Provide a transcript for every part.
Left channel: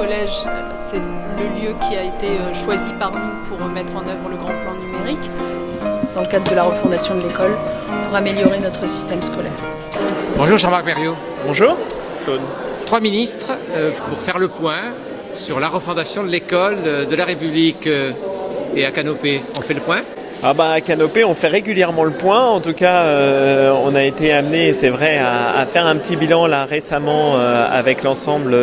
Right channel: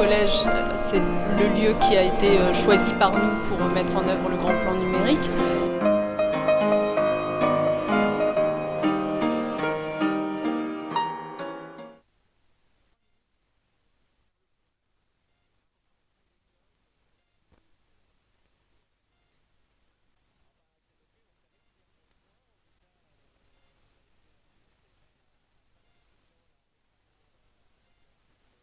collège, c'est le lieu qui a été choisi par nous pour mettre en œuvre le grand plan numérique dans le cadre de la refondation de l'école pour améliorer notre système scolaire. Bonjour Jean-Marc Berriot. Bonjour Claude. 3 ministres pour faire le point sur la refondation de l'école de la République et à Canopée. On fait le point ? À Canopée, on fait régulièrement le point. En tout cas, on a été amené, c'est vrai, à faire un petit bilan là récemment avec l'ensemble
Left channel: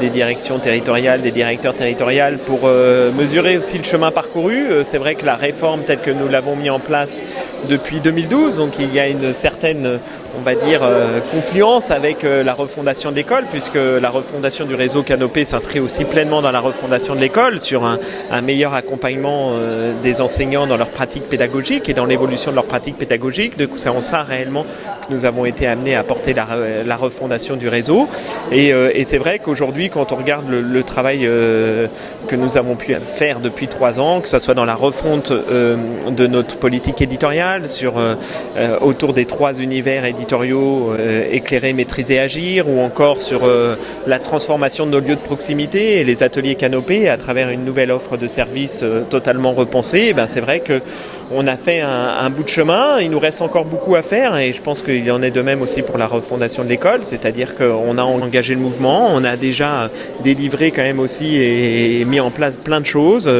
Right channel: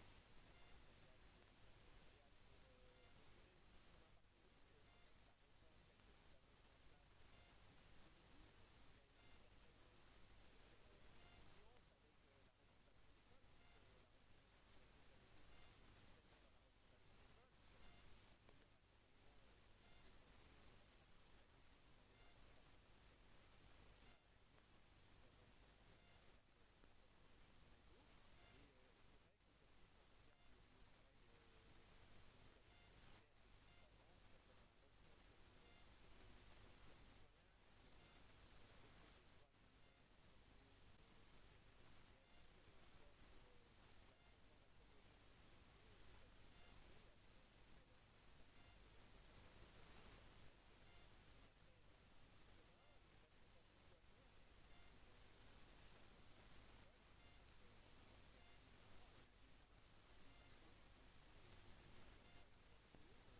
des directions territoriales, des directeurs territoriaux pour mesurer aussi le chemin parcouru. C'est vrai que la réforme telle que nous l'avons mis en place depuis 2012, donc il y a une certaine, on va dire, confluence avec la refondation de l'école, puisque la refondation du réseau Canopée s'inscrit aussi pleinement dans la refondation de l'école sur un meilleur accompagnement des enseignants dans leur pratique pédagogique et dans l'évolution de leur pratique pédagogique. Donc c'est en ça réellement que nous avons été amenés à porter la refondation du réseau. Et c'est vrai qu'aujourd'hui, quand on regarde le travail que nous avons pu faire depuis 3 ans, que ce soit dans la refonte de notre politique éditoriale, autour des 3 univers éditoriaux, éclairer, maîtriser, agir, ou encore sur la transformation de nos lieux de proximité et les ateliers Canopée à travers une nouvelle offre de services totalement repensée, c'est vrai qu'on a fait un bout de chemin. Il nous reste encore beaucoup à faire et je pense qu'il en est de même aussi pour la refondation de l'école, c'est-à-dire qu'on a engagé le mouvement, on a déjà délivré quand même aussi et mis en place plein de choses.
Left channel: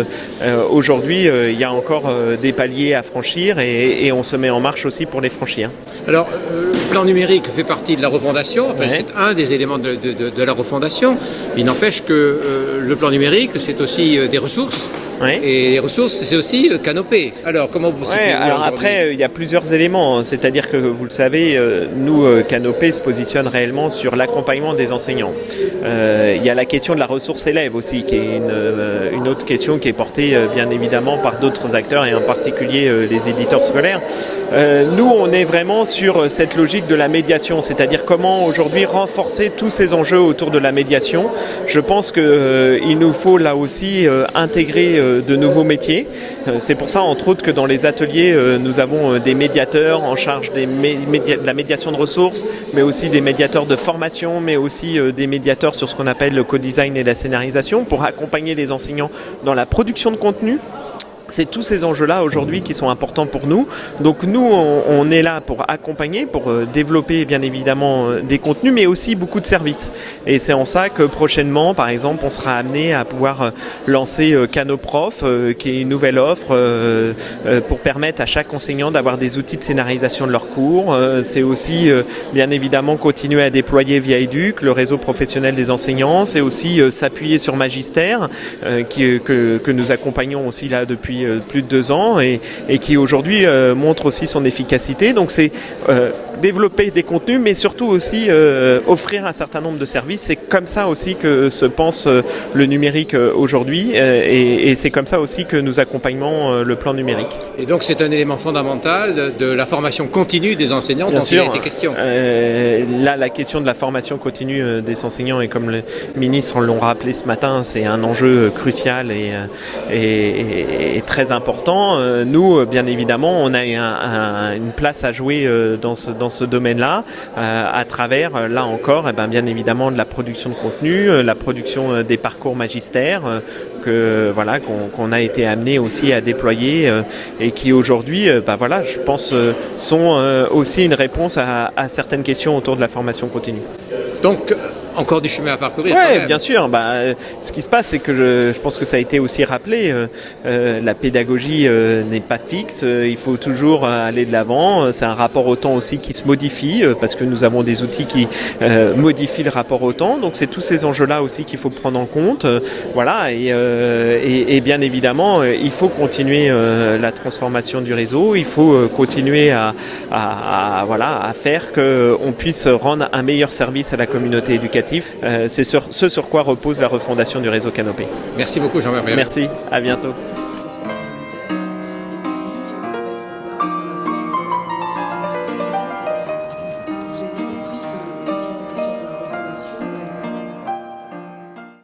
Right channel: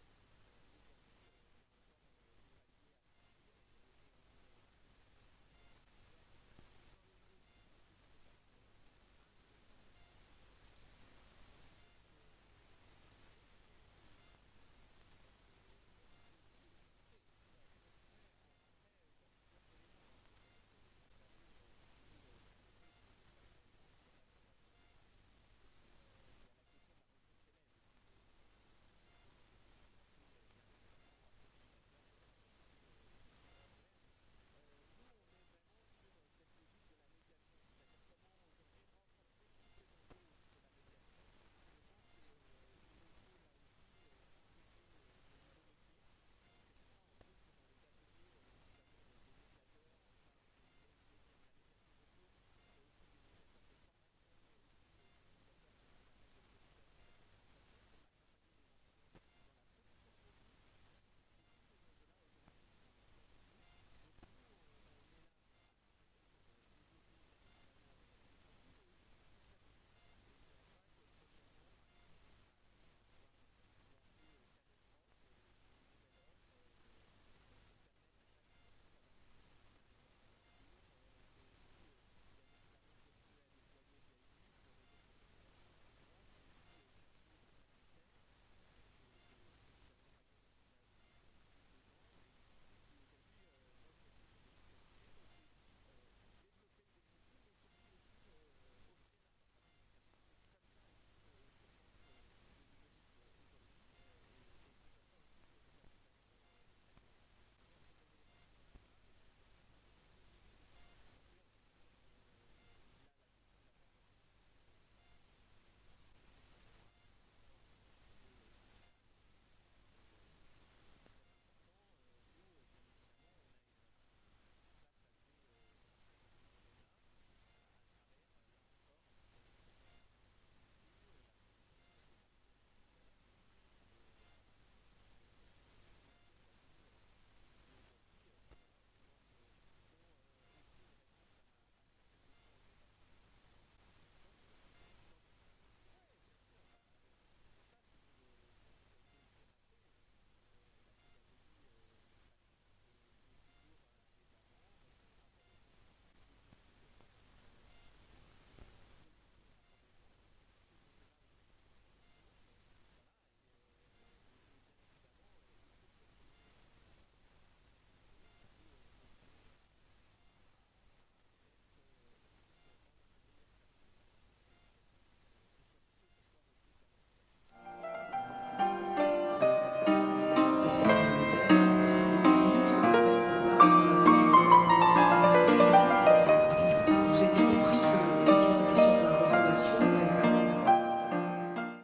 Aujourd'hui, il y a encore des paliers à franchir et on se met en marche aussi pour les franchir. Alors, le plan numérique fait partie de la refondation, c'est un des éléments de la refondation. Il n'empêche que le plan numérique, c'est aussi des ressources. Oui. Et les ressources, c'est aussi Canopée. Alors, comment vous situez alors après, il y a plusieurs éléments. C'est-à-dire que, vous le savez, nous, Canopée se positionne réellement sur l'accompagnement des enseignants. Il y a la question de la ressource élève aussi, qui est une autre question qui est portée, bien évidemment, par d'autres acteurs, et en particulier les éditeurs scolaires. Nous, on est vraiment sur cette logique de la médiation, c'est-à-dire comment aujourd'hui renforcer tous ces enjeux autour de la médiation. Je pense qu'il nous faut là aussi intégrer de nouveaux métiers. C'est pour ça, entre autres, que dans les ateliers, nous avons des médiateurs en charge de la médiation de ressources, mais aussi des médiateurs de formation, mais aussi des médiateurs sur ce qu'on appelle le co-design et la scénarisation pour accompagner les enseignants dans la production de contenu. C'est tous ces enjeux-là aujourd'hui qui sont importants pour nous. Donc nous, on est là pour accompagner, pour développer bien évidemment des contenus, mais aussi beaucoup de services. Et c'est en ça que prochainement, par exemple, on sera amené à pouvoir lancer Canoprof, qui est une nouvelle offre pour permettre à chaque enseignant d'avoir des outils de scénarisation de leurs cours. C'est aussi bien évidemment continuer à déployer Via Éduc, le réseau professionnel des enseignants. C'est aussi s'appuyer sur Magistère, que nous accompagnons aussi là depuis plus de 2 ans et qui aujourd'hui montre aussi son efficacité. Donc c'est développer des contenus, mais surtout aussi offrir un certain nombre de services. C'est comme ça aussi que se pense le numérique aujourd'hui et c'est comme ça aussi que nous accompagnons le plan numérique. Et donc c'est un élément fondamental de la formation continue des enseignants dont il a été question. Là, la question de la formation continue des enseignants, et comme les ministres l'ont rappelé ce matin, c'est un enjeu crucial et très important. Nous, bien évidemment, on a une place à jouer dans ce domaine-là, à travers, là encore, bien évidemment, de la production de contenu, la production des parcours magistères, qu'on a été amené aussi à déployer et qui aujourd'hui, je pense, sont aussi une réponse à certaines questions autour de la formation continue. Donc, encore du chemin à parcourir. Oui, bien sûr. Ce qui se passe, c'est que je pense que ça a été aussi rappelé, la pédagogie n'est pas fixe, il faut toujours aller de l'avant. C'est un rapport au temps aussi qui se modifie, parce que nous avons des outils qui modifient le rapport au temps. Donc c'est tous ces enjeux-là aussi qu'il faut prendre en compte. Et bien évidemment, il faut continuer la transformation du réseau, il faut continuer à faire qu'on puisse rendre un meilleur service à la communauté éducative. C'est ce sur quoi repose la refondation du réseau Canopée. Merci beaucoup Jean-Marc. Merci, à bientôt.